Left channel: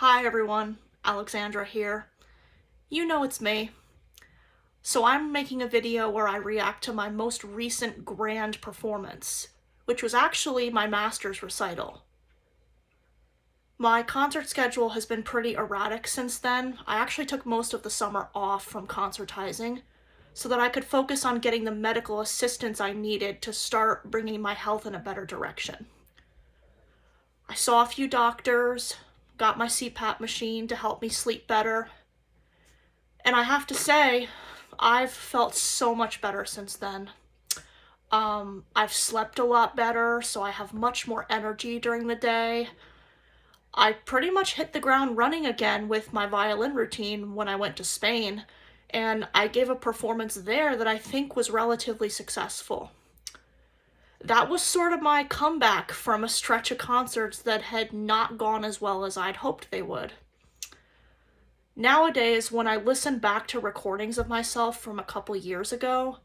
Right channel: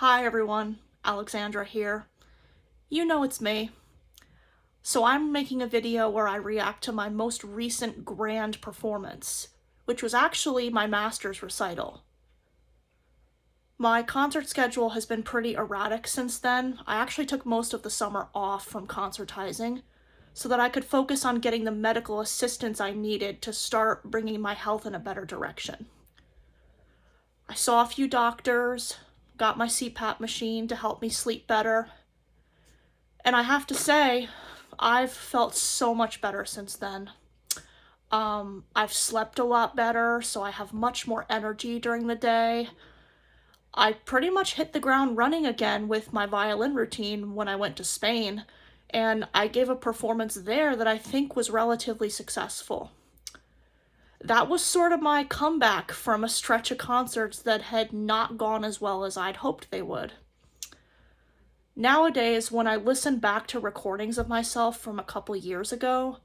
Hi everyone, Alexandra here. You know it's me. So I'm making a video where I react to my most recent grand performance, which was actually my master's recital. My concert schedule has been pretty erratic since then. I actually took most of the summer off from concertizing so that I could focus on getting the medical assistance I needed to start bringing my health in a better direction. I saw a few doctors, got my CPAP machine to help me sleep better, and I have to say, I've felt so much better since then. I've slept a lot better, so I have much more energy during the day. I pretty much hit the ground running again with my violin routine when I went to Spain, and I gave a performance there that I think was relatively successful. That was sort of my comeback from a stretch of concerts that had not gone as well as I'd hoped they would. Nowadays, when I listen back to recordings of myself from a couple years ago,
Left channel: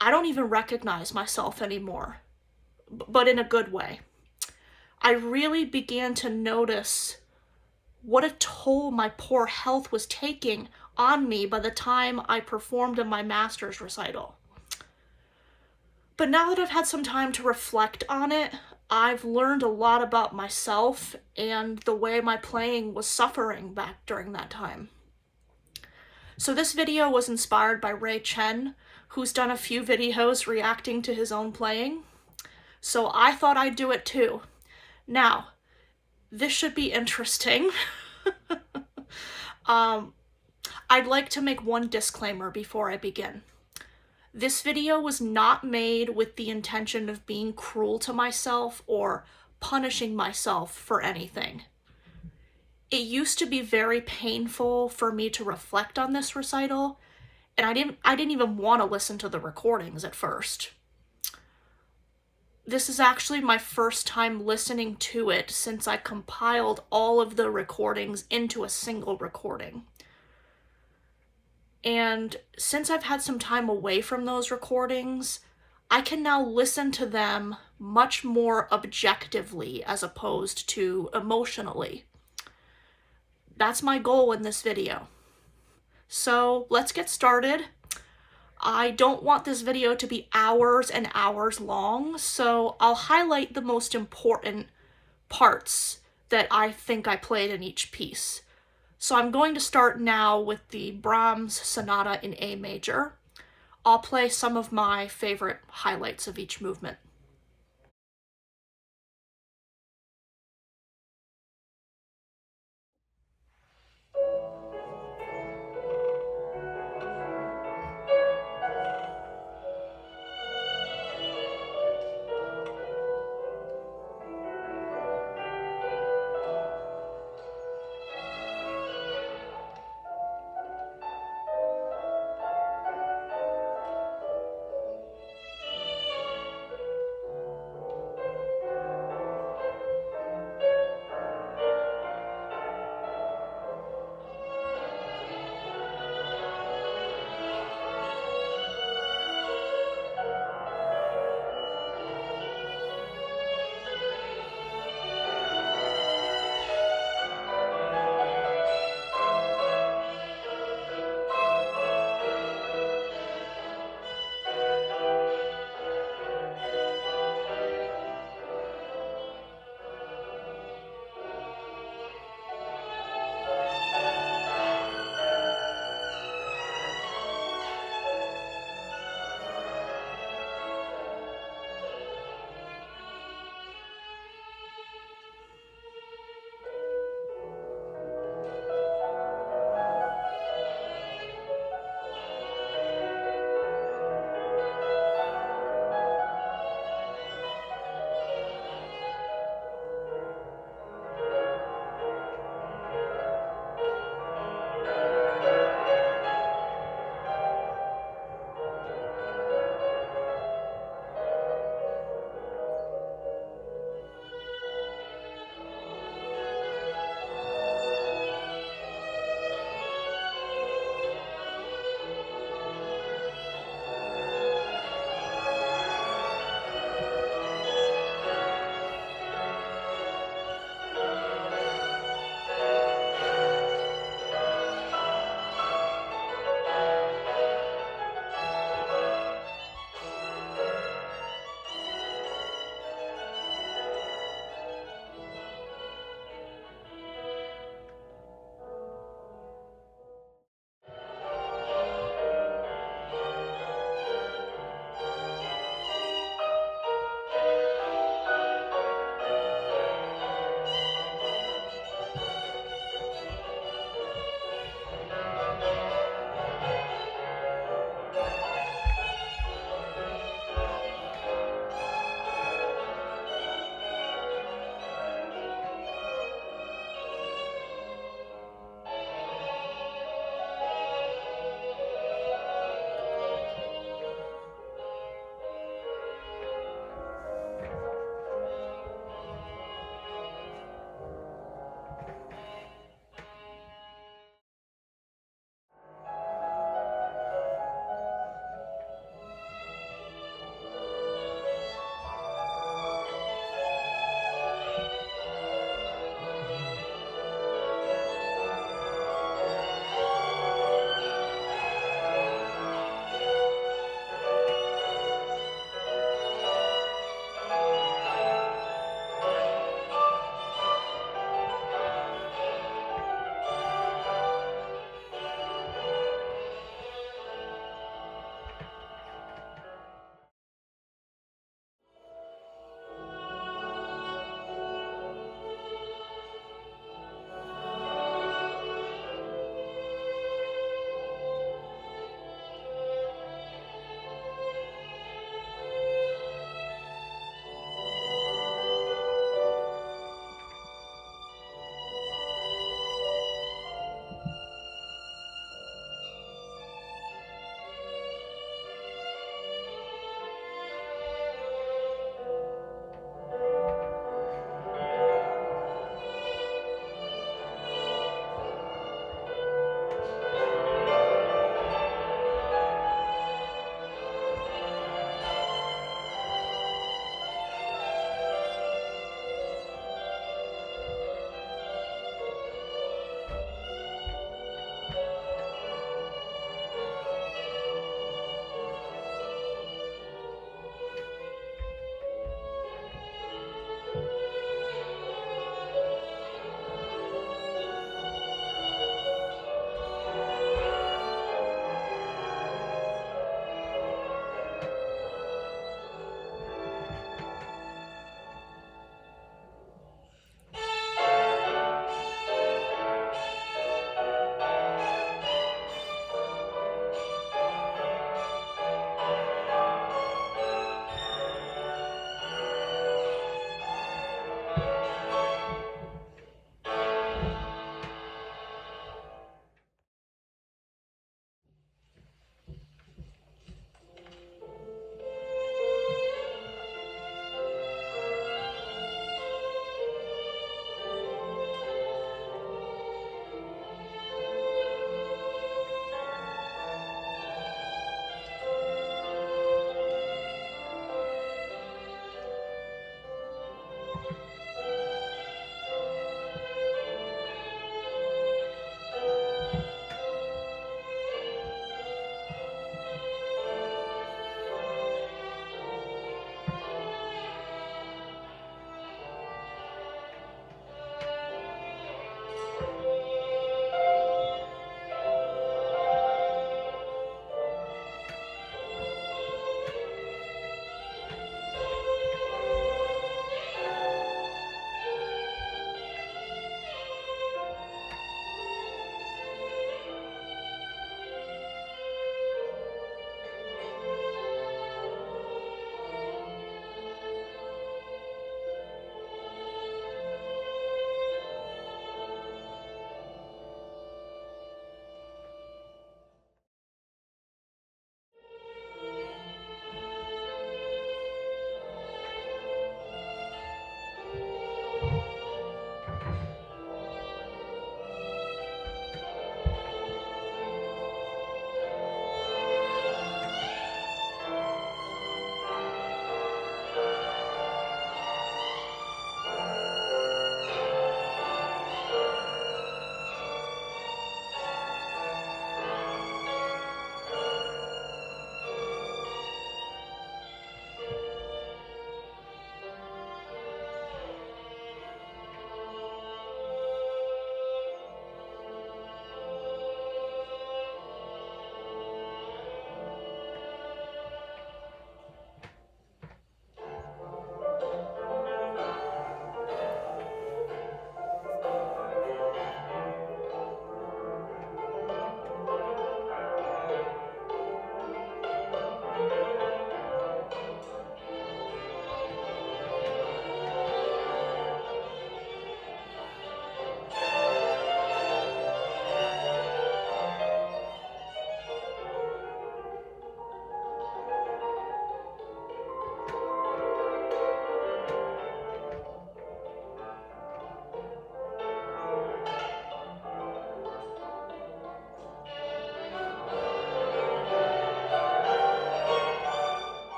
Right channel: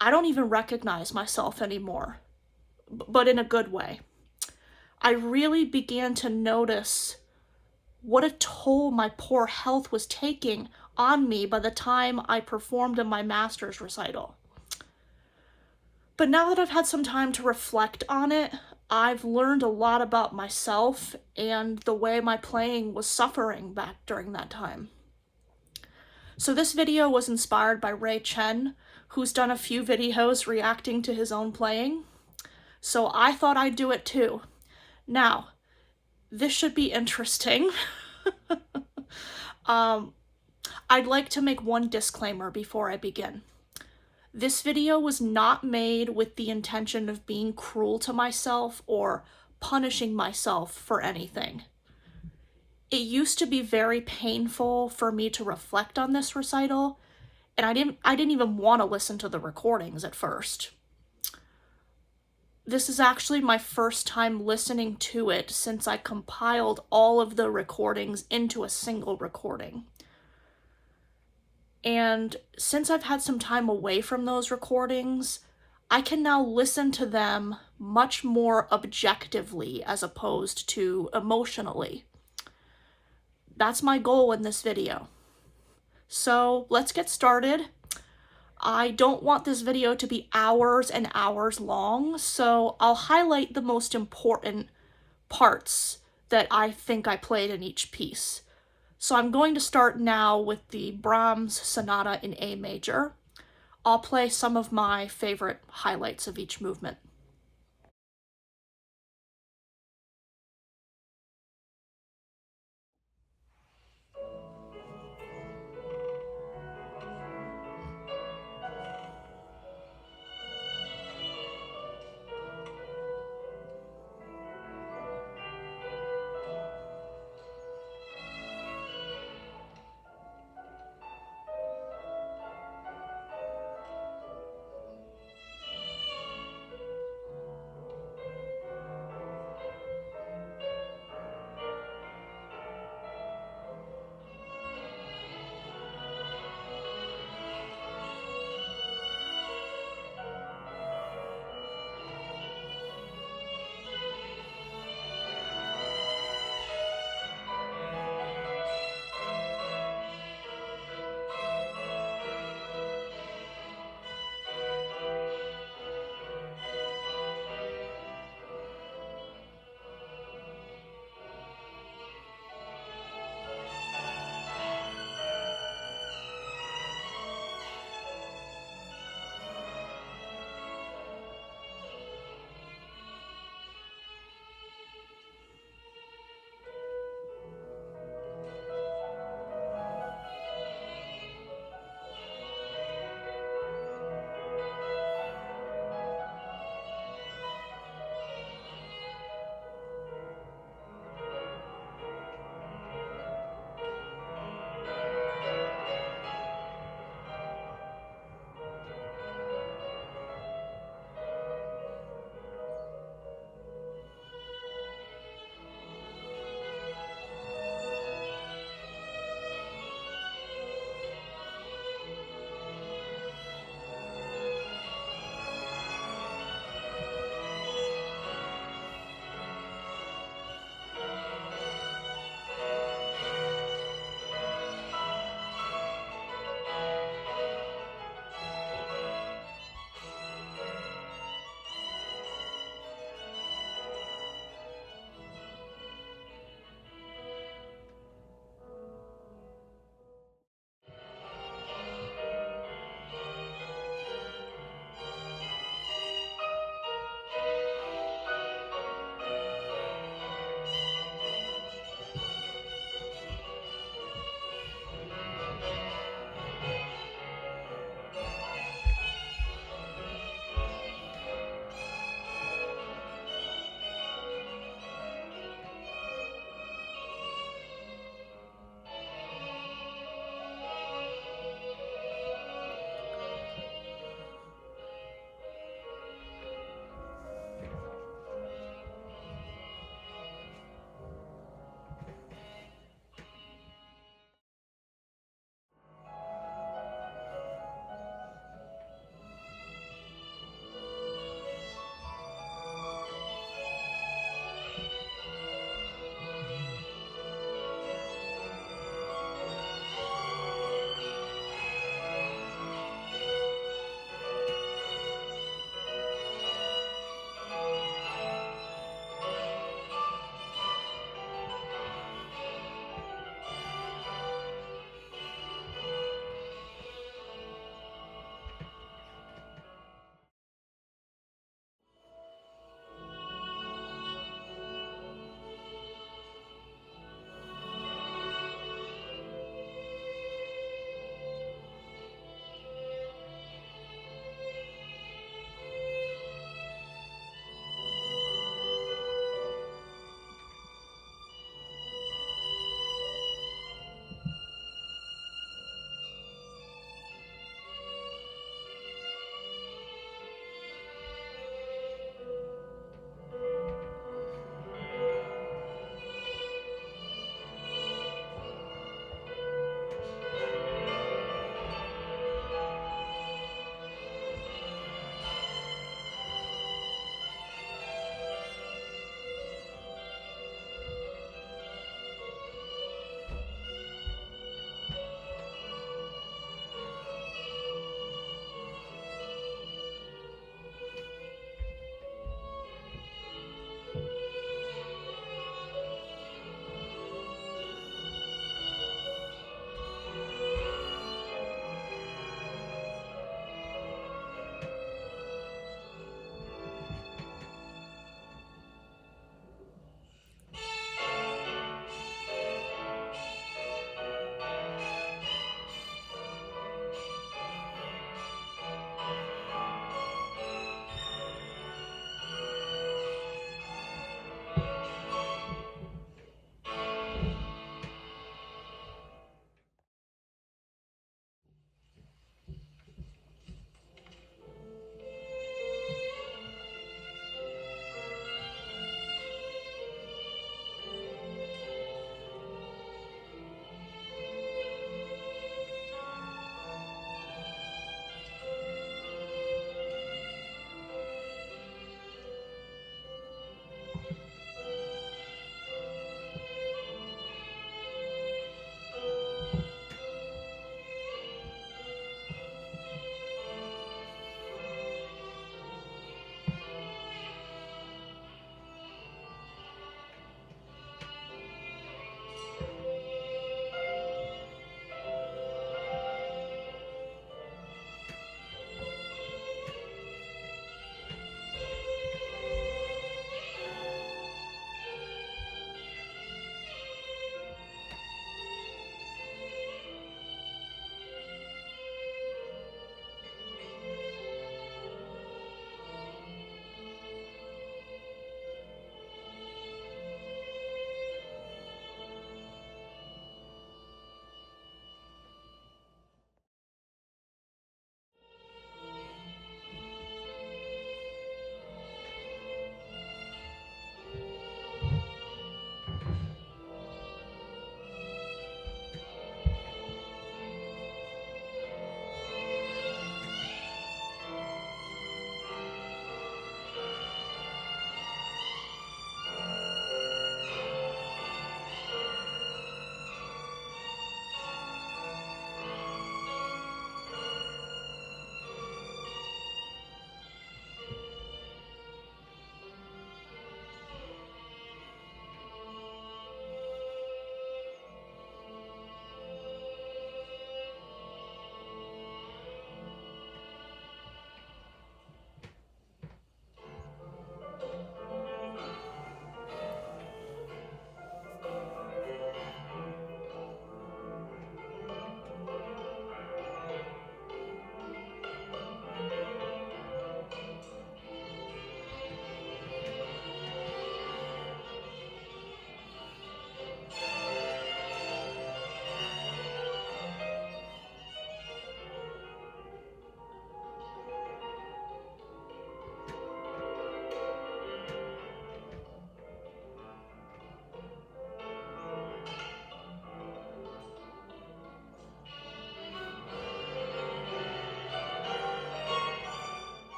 I don't even recognize myself anymore, but in a good way. I really began to notice what a toll my poor health was taking on me by the time I performed in my master's recital. But now that I've had some time to reflect on it, I've learned a lot about myself and the way my playing was suffering back during that time. So this video was inspired by Ray Chen, who's done a few videos reacting to his own playing. So I thought I'd do it too. Now, this should be interesting. I'd like to make one disclaimer before I begin. This video was not made with the intention of being cruel to myself or punishing myself for anything. It used to be very painful for me to reflect on this recital, and I didn't even want to listen to the recordings at first. This is actually my first time listening to it since I compiled all of the recordings into a single recording. And since I've had some time away from those recordings, I can now listen to them much more objectively as opposed to emotionally. That's my goal in this video. So let's get started. I don't want this video to be hours and hours long, so I'll highlight the most important parts that I think I played in each piece. So I'm going to start now with the Brahms Sonata in A major. I'll play some of my favorite highlights of each movement.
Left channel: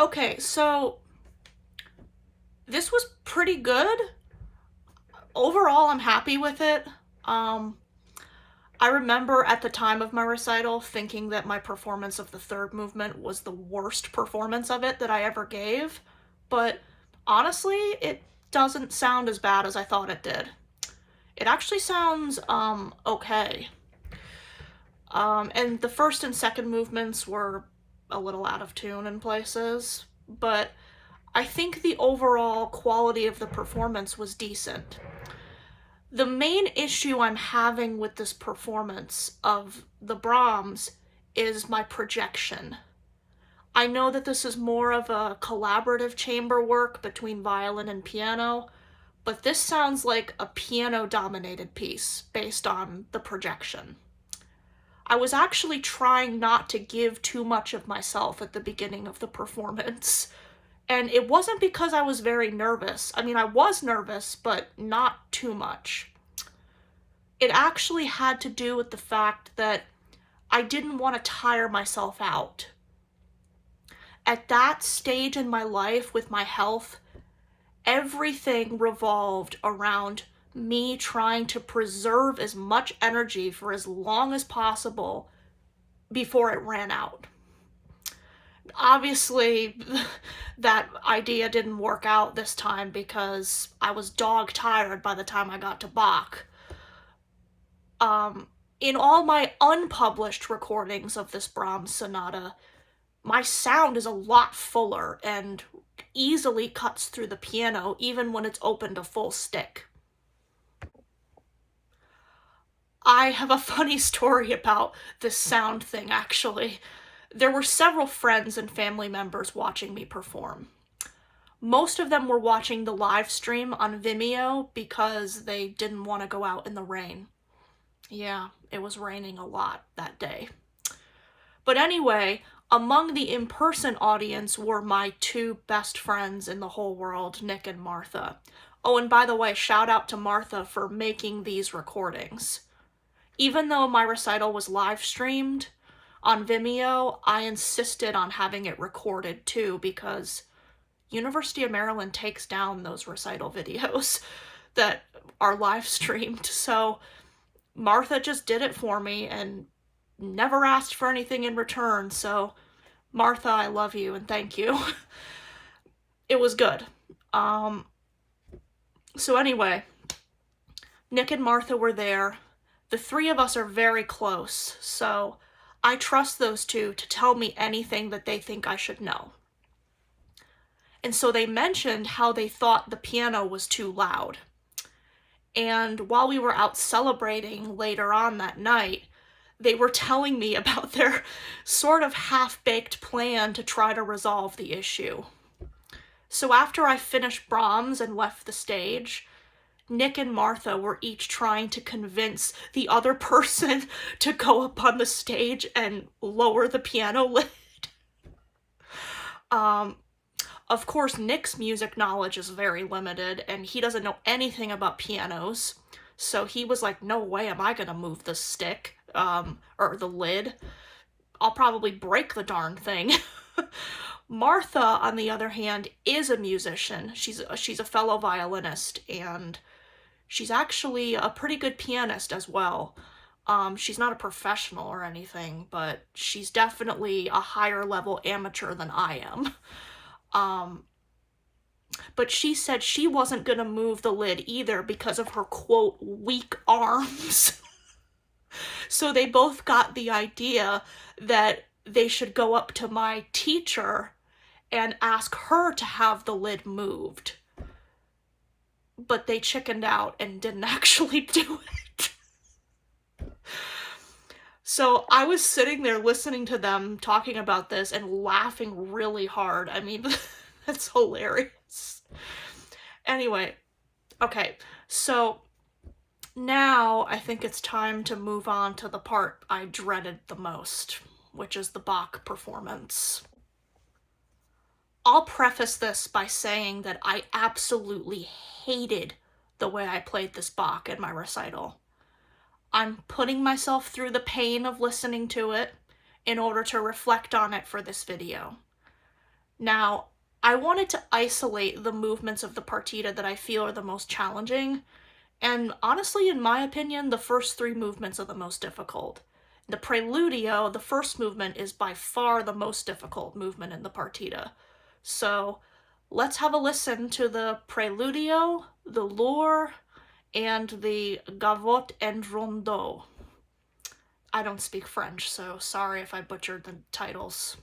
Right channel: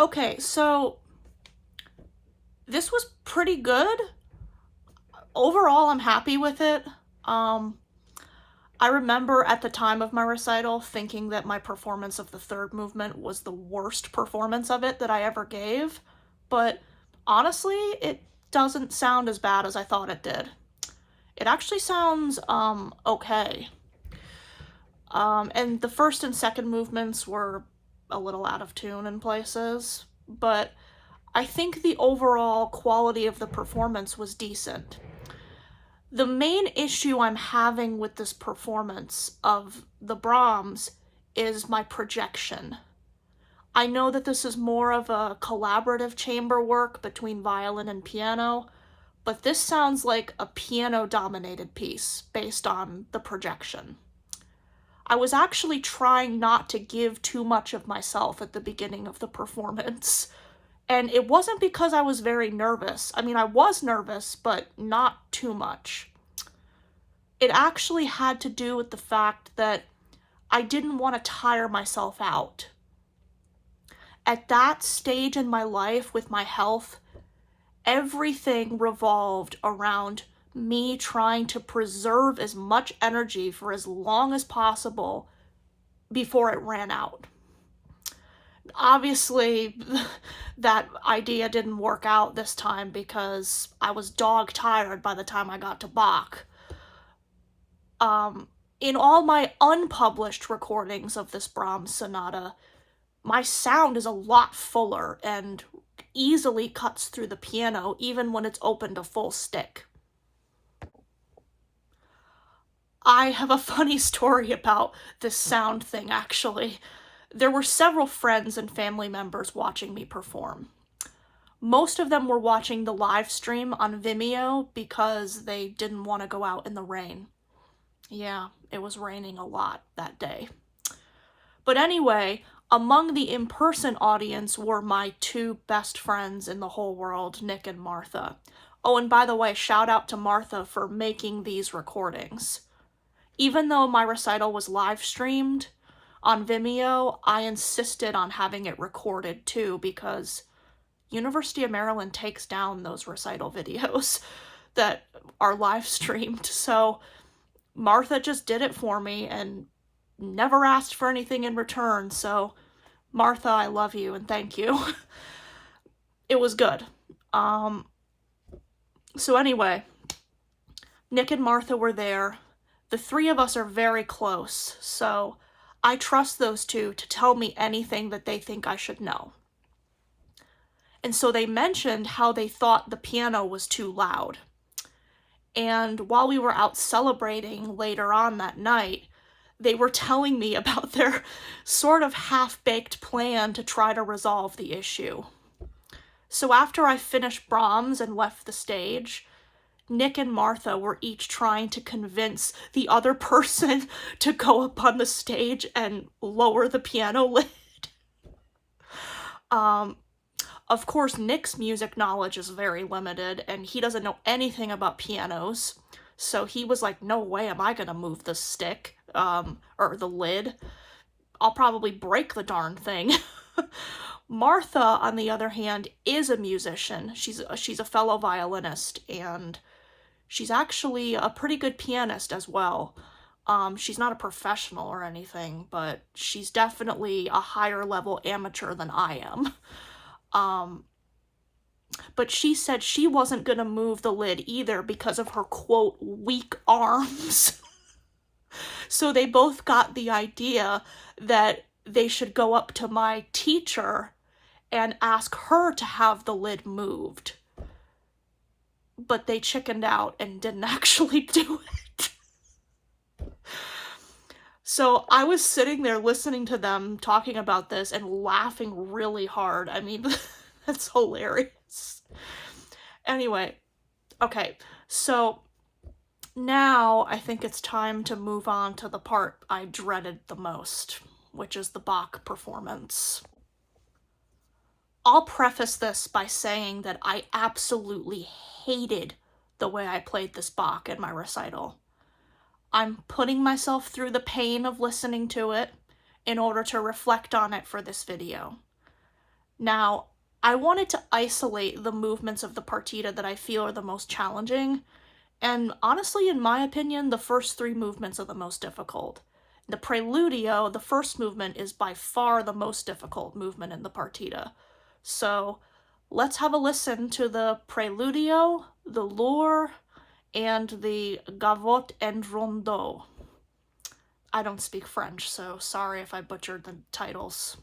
Okay, so this was pretty good. Overall, I'm happy with it. I remember at the time of my recital thinking that my performance of the third movement was the worst performance of it that I ever gave, but honestly, it doesn't sound as bad as I thought it did. It actually sounds, okay. And the first and second movements were a little out of tune in places, but I think the overall quality of the performance was decent. The main issue I'm having with this performance of the Brahms is my projection. I know that this is more of a collaborative chamber work between violin and piano, but this sounds like a piano-dominated piece based on the projection. I was actually trying not to give too much of myself at the beginning of the performance, and it wasn't because I was very nervous. I mean, I was nervous, but not too much. It actually had to do with the fact that I didn't want to tire myself out. At that stage in my life with my health, everything revolved around me trying to preserve as much energy for as long as possible before it ran out. Obviously, that idea didn't work out this time because I was dog tired by the time I got to Bach. In all my unpublished recordings of this Brahms sonata, my sound is a lot fuller and easily cuts through the piano even when it's opened a full stick. I have a funny story about this sound thing, actually. There were several friends and family members watching me perform. Most of them were watching the live stream on Vimeo because they didn't want to go out in the rain. Yeah, it was raining a lot that day. But anyway, among the in-person audience were my two best friends in the whole world, Nick and Martha. Oh, and by the way, shout out to Martha for making these recordings. Even though my recital was live streamed on Vimeo, I insisted on having it recorded too because University of Maryland takes down those recital videos that are live streamed. So Martha just did it for me and never asked for anything in return. So Martha, I love you and thank you. It was good. So anyway, Nick and Martha were there. The three of us are very close, so I trust those two to tell me anything that they think I should know. And so they mentioned how they thought the piano was too loud. And while we were out celebrating later on that night, they were telling me about their sort of half-baked plan to try to resolve the issue. So after I finished Brahms and left the stage, Nick and Martha were each trying to convince the other person to go up on the stage and lower the piano lid. Of course, Nick's music knowledge is very limited, and he doesn't know anything about pianos, so he was like, no way am I gonna move the stick, or the lid. I'll probably break the darn thing. Martha, on the other hand, is a musician. She's a fellow violinist, and she's actually a pretty good pianist as well. She's not a professional or anything, but she's definitely a higher level amateur than I am. But she said she wasn't gonna move the lid either because of her, quote, weak arms. So they both got the idea that they should go up to my teacher and ask her to have the lid moved. But they chickened out and didn't actually do it. So I was sitting there listening to them talking about this and laughing really hard. I mean, that's hilarious. Anyway, okay, so now I think it's time to move on to the part I dreaded the most, which is the Bach performance. I'll preface this by saying that I absolutely hated the way I played this Bach in my recital. I'm putting myself through the pain of listening to it in order to reflect on it for this video. Now, I wanted to isolate the movements of the partita that I feel are the most challenging, and honestly, in my opinion, the first three movements are the most difficult. The preludio, the first movement, is by far the most difficult movement in the partita. So let's have a listen to the preludio, the lour, and the gavotte and rondeau. I don't speak French, so sorry if I butchered the titles.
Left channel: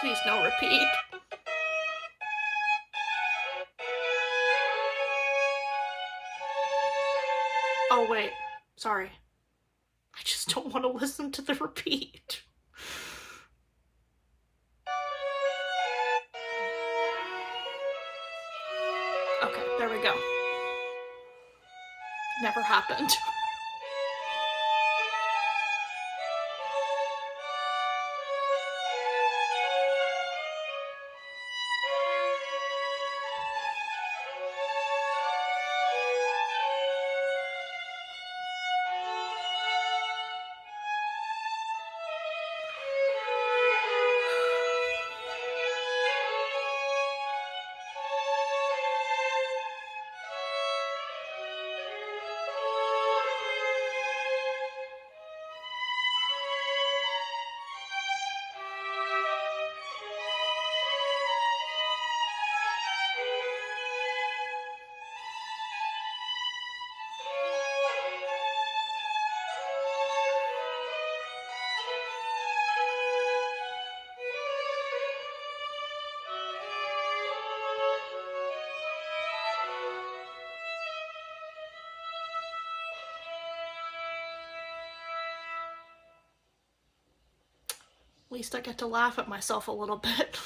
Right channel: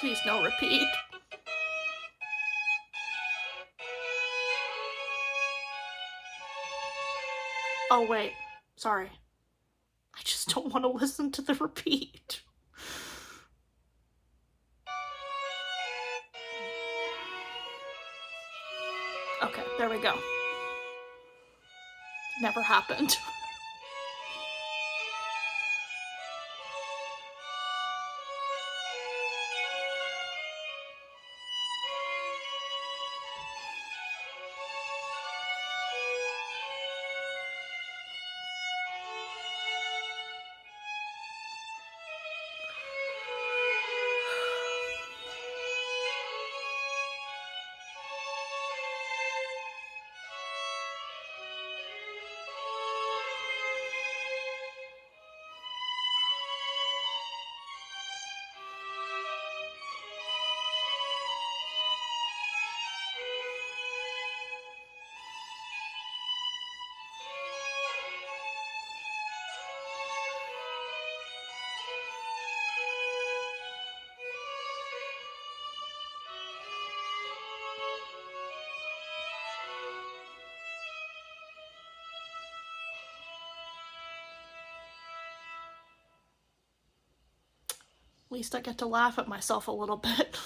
Please no repeat. Oh wait, sorry. I just don't want to listen to the repeat. Okay, there we go. Never happened. At least I get to laugh at myself a little bit.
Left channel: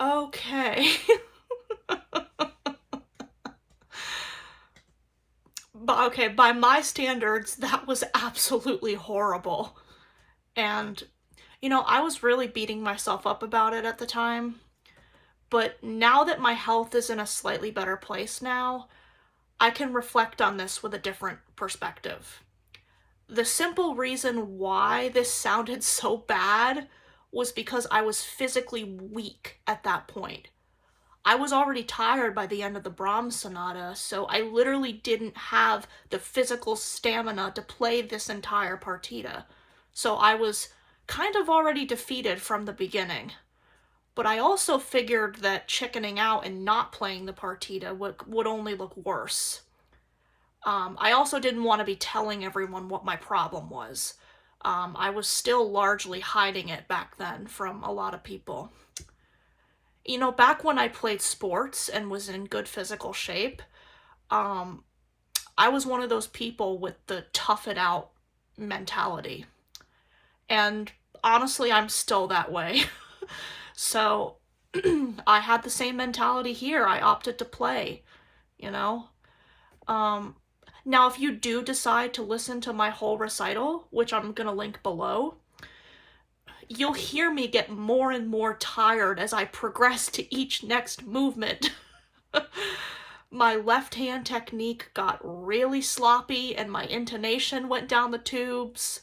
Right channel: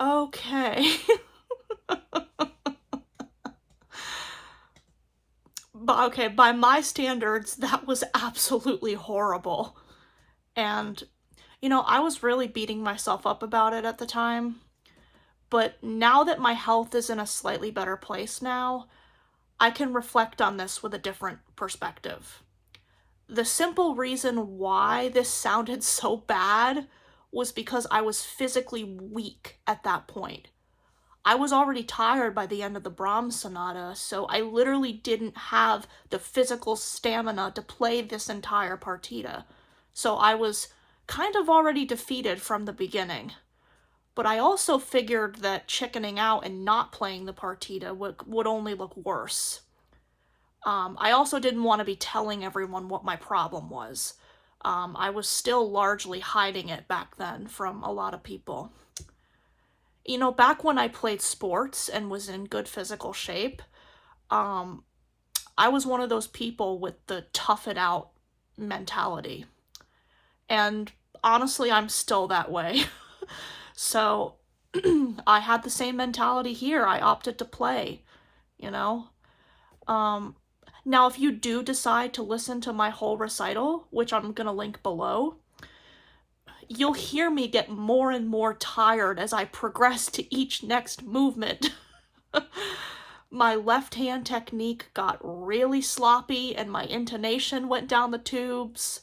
Okay. But okay, by my standards, that was absolutely horrible. And I was really beating myself up about it at the time, but now that my health is in a slightly better place now, I can reflect on this with a different perspective. The simple reason why this sounded so bad was because I was physically weak at that point. I was already tired by the end of the Brahms Sonata, so I literally didn't have the physical stamina to play this entire partita. So I was kind of already defeated from the beginning. But I also figured that chickening out and not playing the partita would only look worse. I also didn't want to be telling everyone what my problem was. I was still largely hiding it back then from a lot of people. Back when I played sports and was in good physical shape, I was one of those people with the tough it out mentality. And honestly, I'm still that way. So I had the same mentality here. I opted to play, you know? Now, if you do decide to listen to my whole recital, which I'm gonna link below, you'll hear me get more and more tired as I progress to each next movement. My left hand technique got really sloppy and my intonation went down the tubes.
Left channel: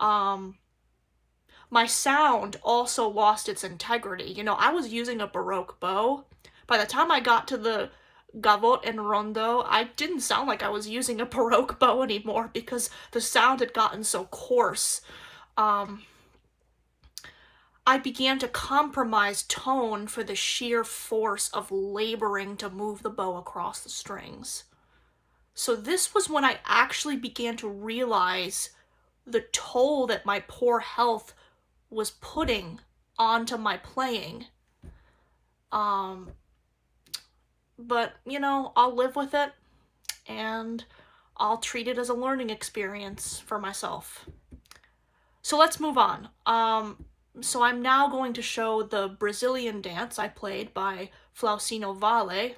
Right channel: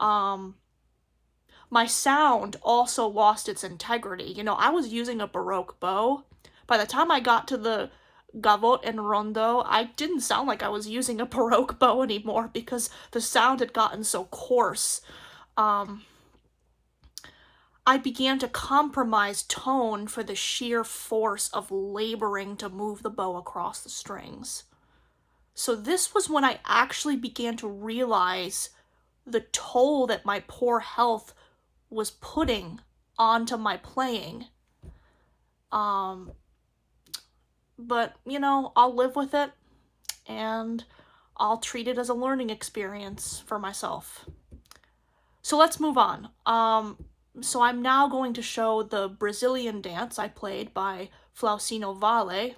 My sound also lost its integrity. I was using a Baroque bow. By the time I got to the gavotte and rondo, I didn't sound like I was using a Baroque bow anymore because the sound had gotten so coarse. I began to compromise tone for the sheer force of laboring to move the bow across the strings. So this was when I actually began to realize the toll that my poor health was putting onto my playing. But, I'll live with it, and I'll treat it as a learning experience for myself. So let's move on. So I'm now going to show the Brazilian dance I played by Flausino Vale,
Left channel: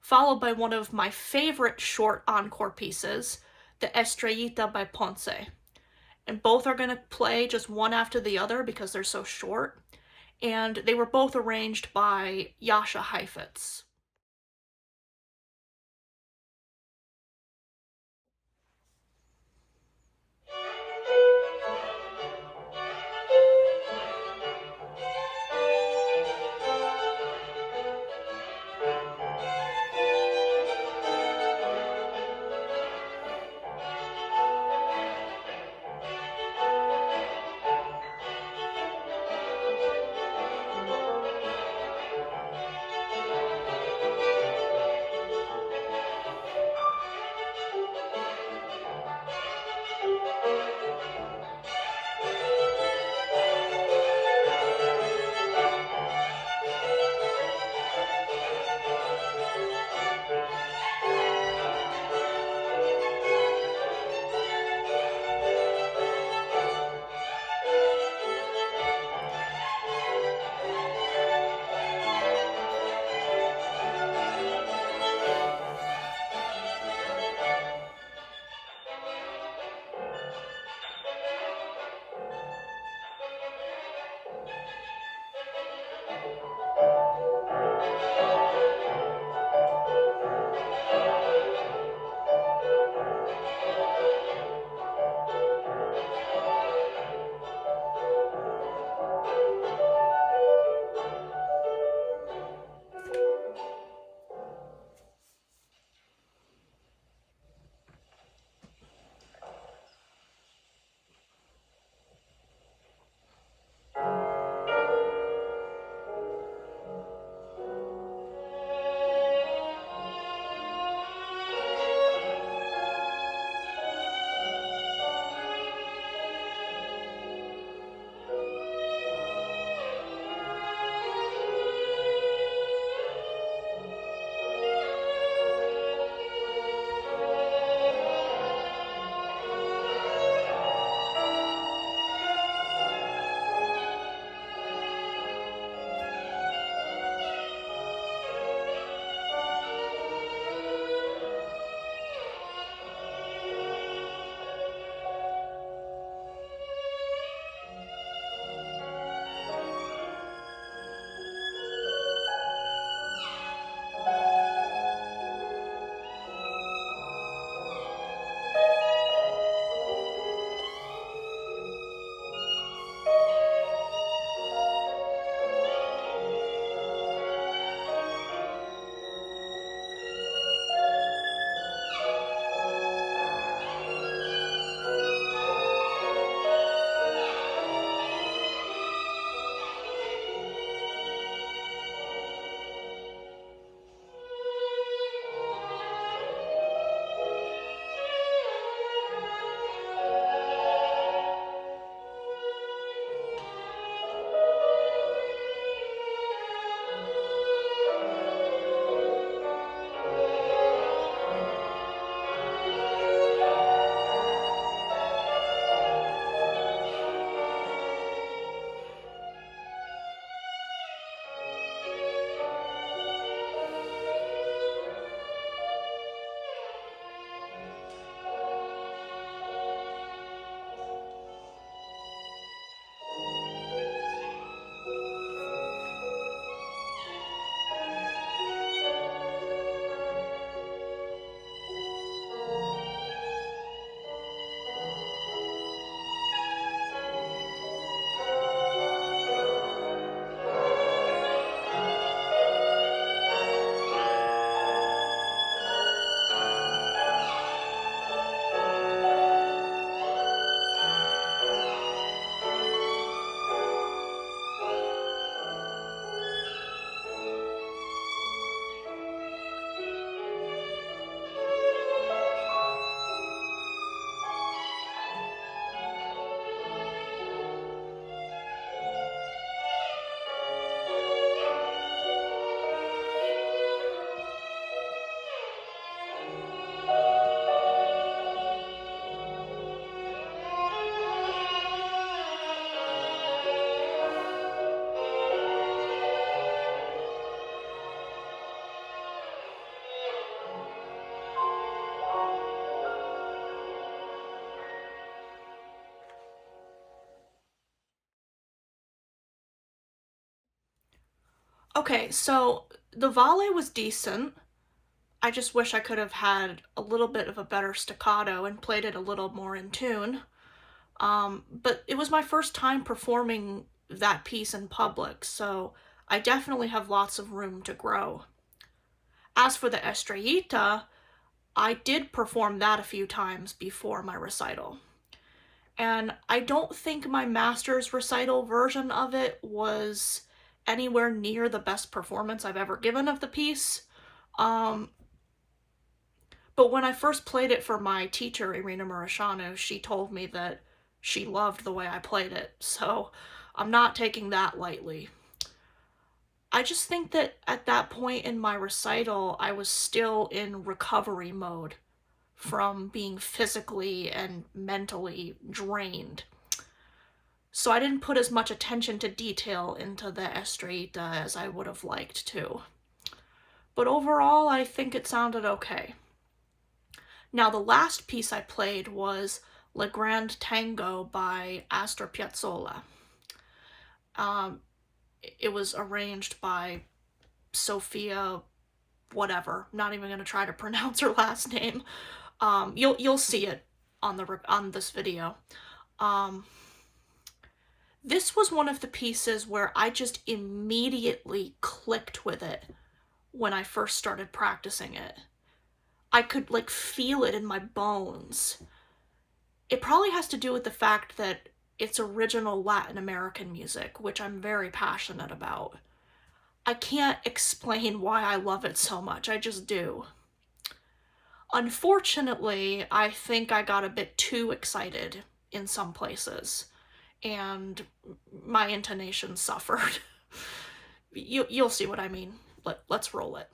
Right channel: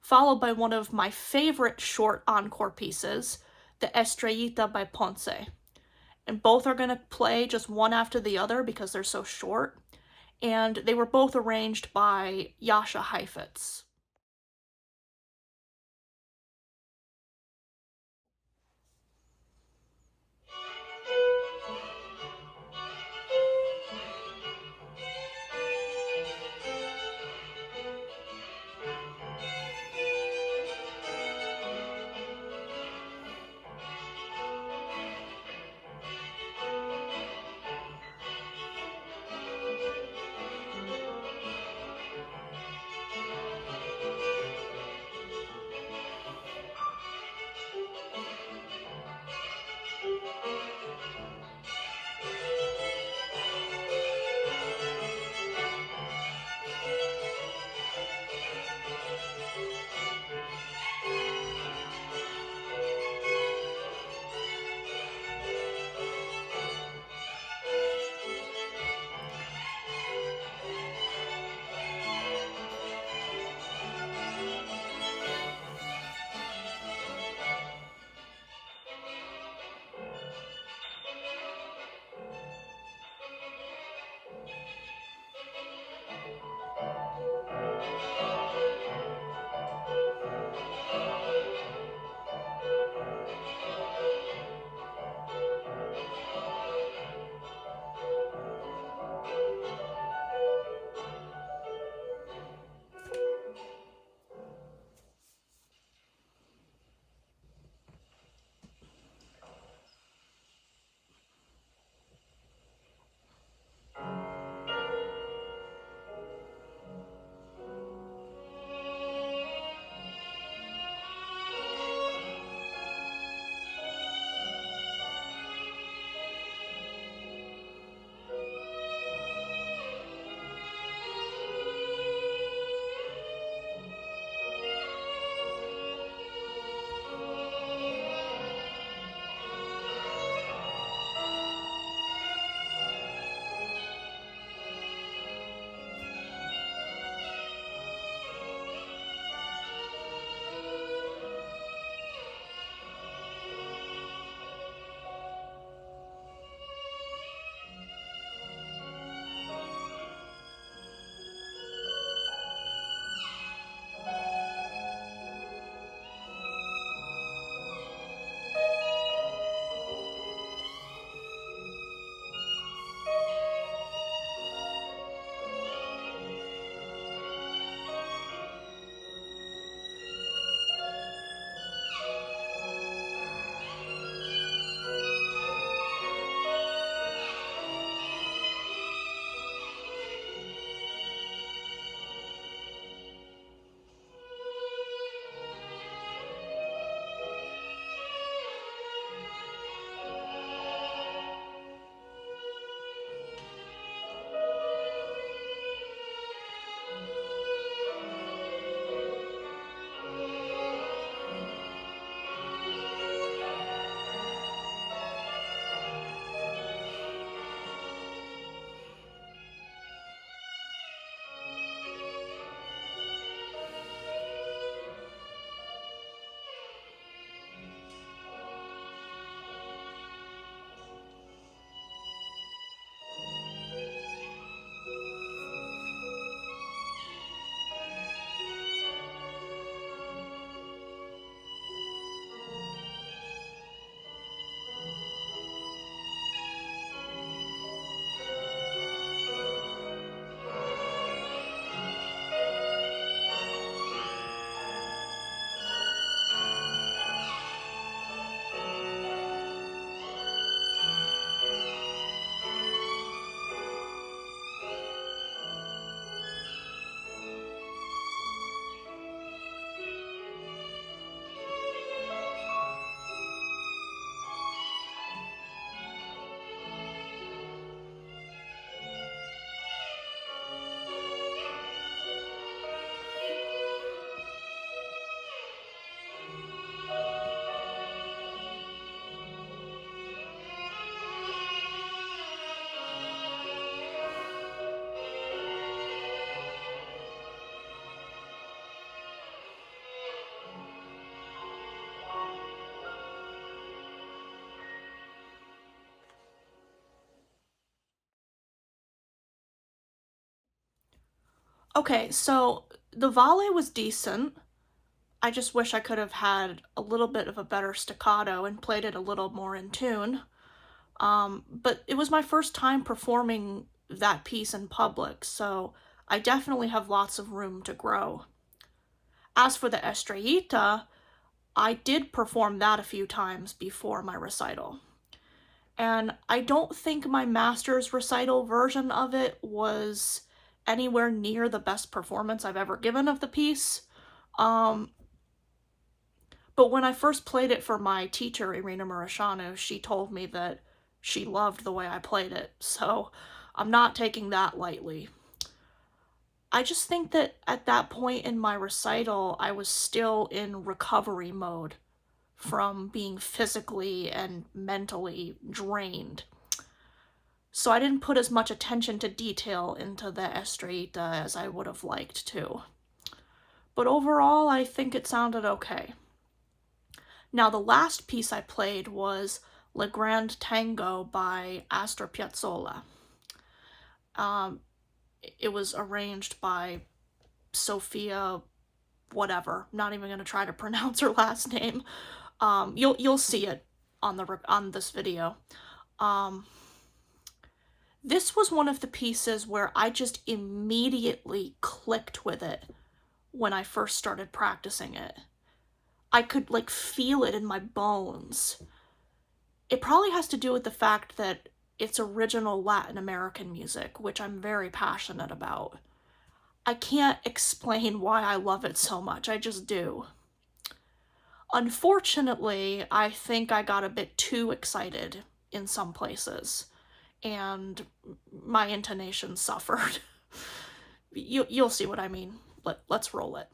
followed by one of my favorite short encore pieces, the Estrellita by Ponce. And both are going to play just one after the other because they're so short. And they were both arranged by Jascha Heifetz. Okay, so the volley was decent. I just wish I could have had a little bit of a better staccato and played it a little more in tune. But it was my first time performing that piece in public, so I definitely have lots of room to grow. As for the Estrellita, I did perform that a few times before my recital. And I don't think my master's recital version of it was anywhere near the best performance I've ever given of the piece. Um, but when I first played it for my teacher, Irina Murashanu, she told me that she loved the way I played it, so I'm not taking that lightly. I just think that at that point in my recital, I was still in recovery mode from being physically and mentally drained. So I didn't put as much attention to detail into the Estrellita as I would have liked to. But overall, I think it sounded okay. Now, the last piece I played was Le Grand Tango by Astor Piazzolla. It was arranged by Sophia whatever. I'm not even going to try to pronounce her last name. You'll see it on this video. This was one of the pieces where I just immediately clicked with it when I first started practicing it. I could like feel it in my bones. It probably has to do with the fact that it's original Latin American music, which I'm very passionate about. I can't explain why I love it so much, I just do. Unfortunately, I think I got a bit too excited in some places, and my intonation suffered. You'll see what I mean. Let's roll it.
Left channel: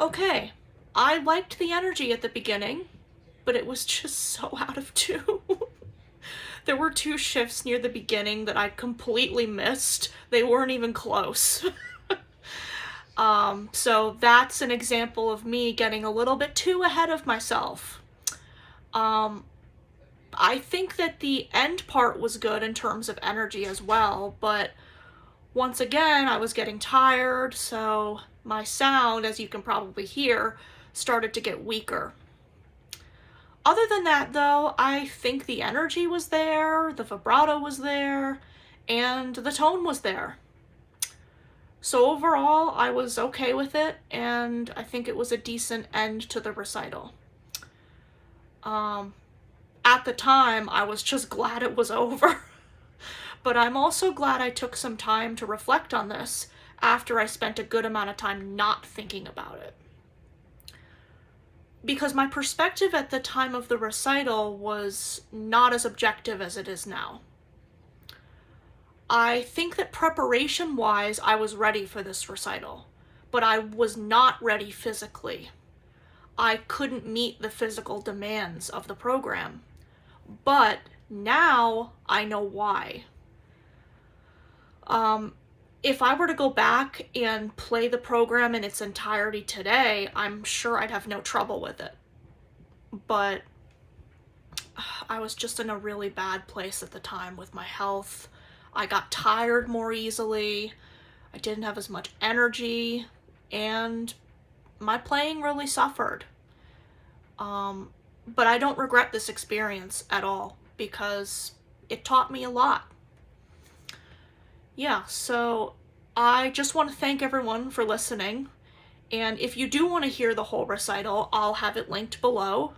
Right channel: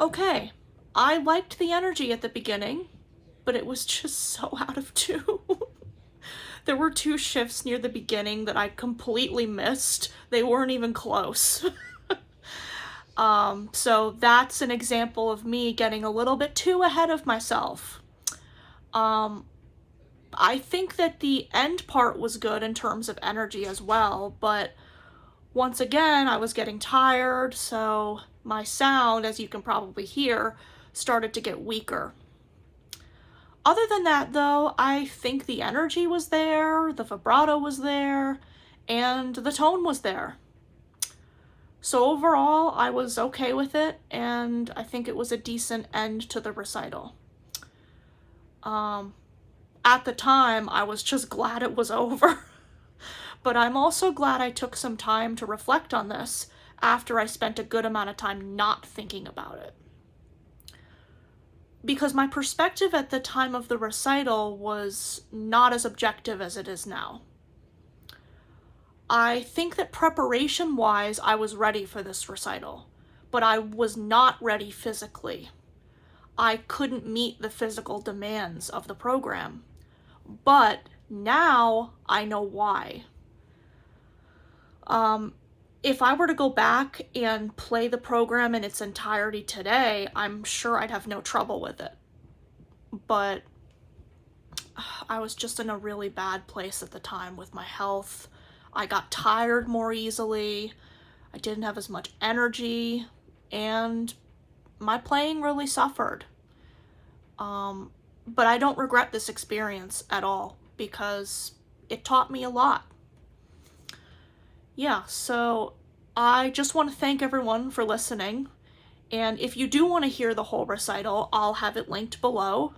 Okay, I liked the energy at the beginning, but it was just so out of tune. There were 2 shifts near the beginning that I completely missed. They weren't even close. So that's an example of me getting a little bit too ahead of myself. I think that the end part was good in terms of energy as well, but once again, I was getting tired, so my sound, as you can probably hear, started to get weaker. Other than that, though, I think the energy was there, the vibrato was there, and the tone was there. So overall, I was okay with it, and I think it was a decent end to the recital. At the time, I was just glad it was over. But I'm also glad I took some time to reflect on this after I spent a good amount of time not thinking about it. Because my perspective at the time of the recital was not as objective as it is now. I think that preparation-wise, I was ready for this recital, but I was not ready physically. I couldn't meet the physical demands of the program, but now I know why. If I were to go back and play the program in its entirety today, I'm sure I'd have no trouble with it. But I was just in a really bad place at the time with my health. I got tired more easily. I didn't have as much energy, and my playing really suffered. But I don't regret this experience at all because it taught me a lot. Yeah, so I just want to thank everyone for listening. And if you do want to hear the whole recital, I'll have it linked below.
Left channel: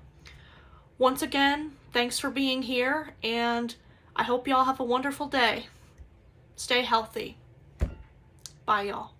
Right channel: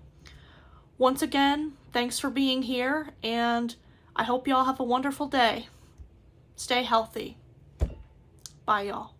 Once again, thanks for being here, and I hope y'all have a wonderful day. Stay healthy. Bye, y'all.